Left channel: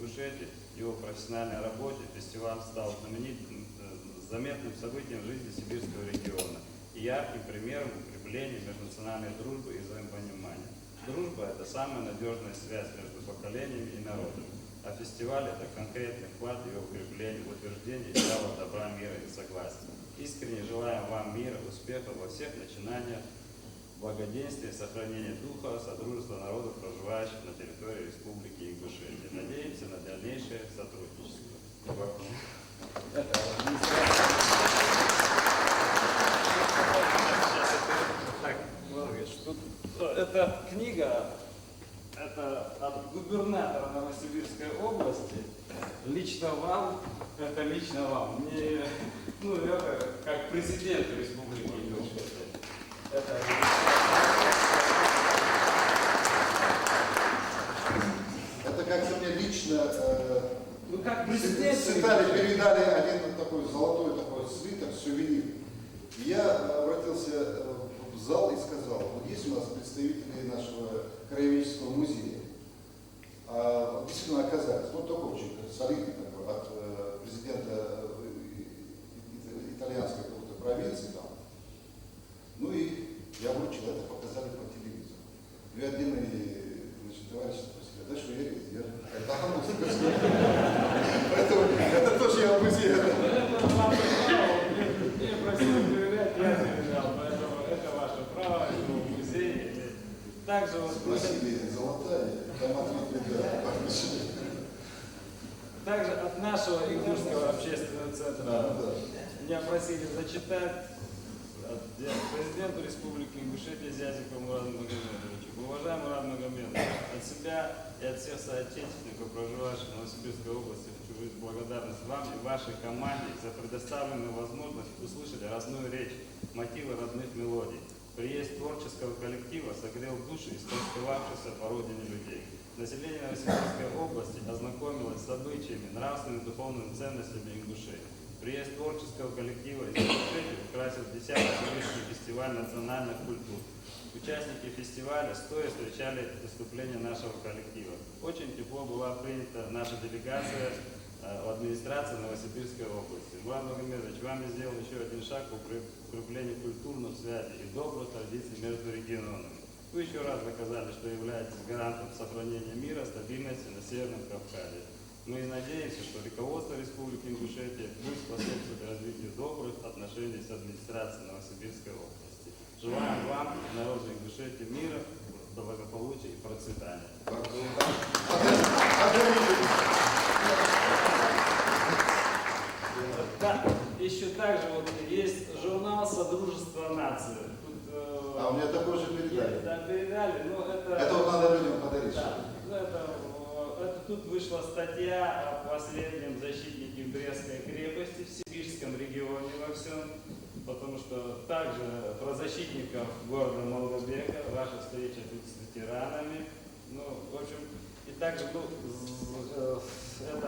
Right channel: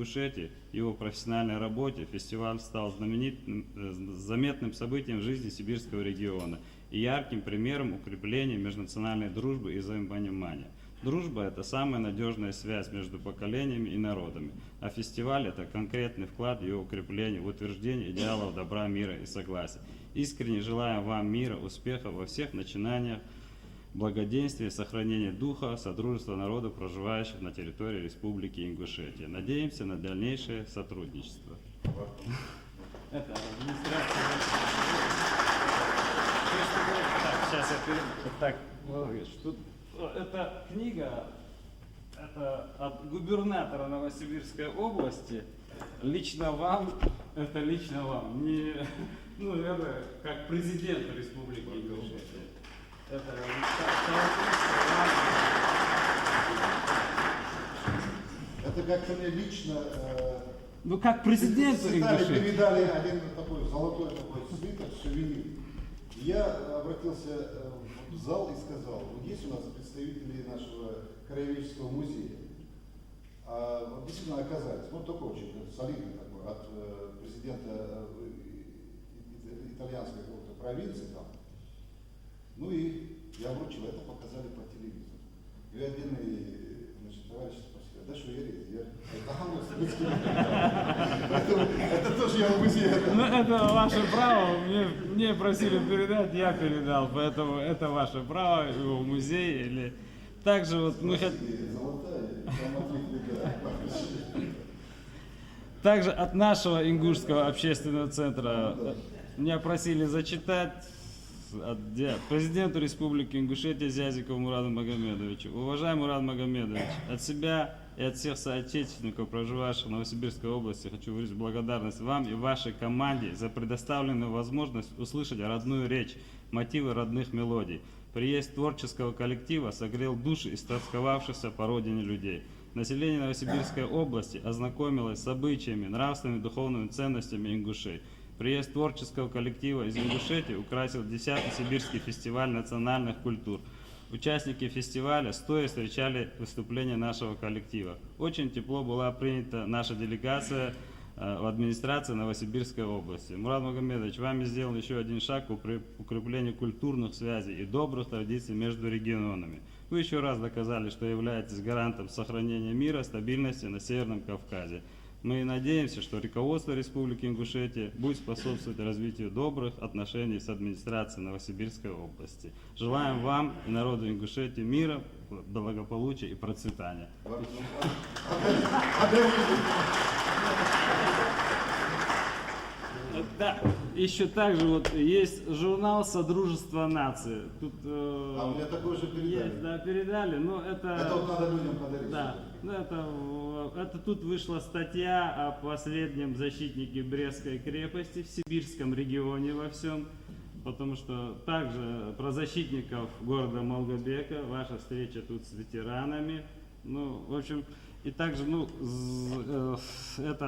Ингушетии, его профессиональной работе фестиваль стал знаменитым, заметным событием в жизни сибирского региона и ярким примером укрепления межнациональной дружбы и взаимопонимания. Дружба – это самая надежная связь между поколениями и народами, а фестиваль – это конкретный вклад в его укрепление, в утверждение идеалов добра, мира и согласия. Искренне желаем вам мира, успехов во всех начинаниях, благоденствия, сохранения духа, содружества народов, проживающих на территории Республики Ингушетия. Надеемся на дальнейшее сотрудничество. Это книга, это от губернатора Новосибирской области. Лично вам, это лично вам. Мне, ну, это как президент Республики Ингушетия. Это как-то мне лично ну как президент передали один такой золотой такой свиток, сувенир. Я обратился в зал и сказал, вот есть у нас представители нашего краеведческого музея. Действительно оказались, вот такой очень солидный такой, от президента итальянской какой-то провинции там. Ну и я вручил, это показали по телевизору. И отдельные, значит, товарищи спросили, да что я это тоже я музей. Ну это ваше право, мне просили передать, я передал, поэтому это ваше право, его в музее или... Также вот мы также от нашего Ингушского общественного центра меня просили зачитать президенту Республики Ингушетия Зязикову Мураду Магомедовичу. Уважаемый Мурад Магомедович, от себя и от всех соотечественников, проживающих в Новосибирской области, хочу выразить благодарность вам и вашей команде за предоставленную возможность услышать родную речь, мотивы родных мелодий. Приезд творческого коллектива согрел души истосковавшихся по родине людей. Население Новосибирской области ознакомилось с обычаями, нравственными и духовными ценностями ингушей. Приезд творческого коллектива из Ингушетии украсил 10-й Сибирский фестиваль национальных культур. Участники фестиваля стоя встречали выступления нашего коллектива. Очень тепло была принята наша делегация в администрации Новосибирской области. Мурад Магомедович, вами сделан еще один шаг к укреплению культурных связей и добрых традиций между регионами. Вы еще раз доказали, что являетесь гарантом сохранения мира, стабильности на Северном Кавказе. Мы надеемся, что руководство Республики Ингушетия будет способствовать развитию добрых отношений с администрацией Новосибирской области. Желаем вам и народу Ингушетии мира, благополучия и процветания. Да, еще также вот есть журнал «Содружество нации». Тут, у меня такой же передали. Да, передали, но это... Это вот надо людям подарить. Да, это тут вышла статья о последнем защитнике Брестской крепости в Сибирском регионе во всем. Потому что также про защитников города Монгобека, ваша встреча тут с ветеранами. Ну, в общем, и также, ну, это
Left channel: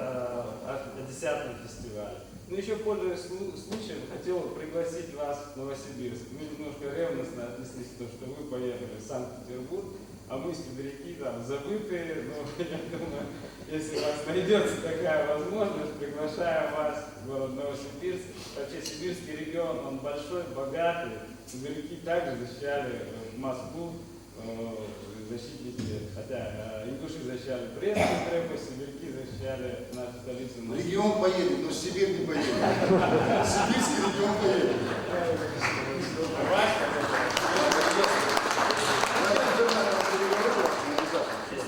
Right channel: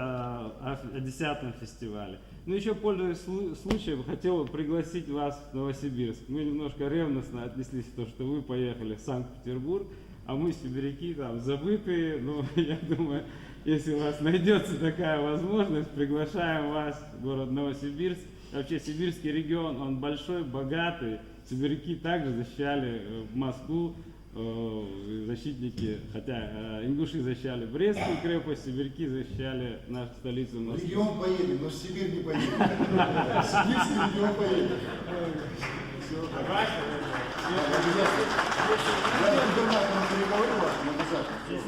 о 10-м фестивале. Ну, еще, пользуясь случаем, хотел пригласить вас в Новосибирск. Мы немножко ревностно отнеслись к тому, что вы поехали в Санкт-Петербург, а мы, сибиряки, там, забытые. Ну, я думаю, если у вас найдется такая возможность, приглашаем вас в город Новосибирск. Вообще, сибирский регион, он большой, богатый. Сибиряки также защищали Москву. Защитники, хотя ингуши защищали Брестскую крепость, сибиряки защищали нашу столицу. Регион поедет, но в Сибирь не поедет. Сибирский регион поедет. Я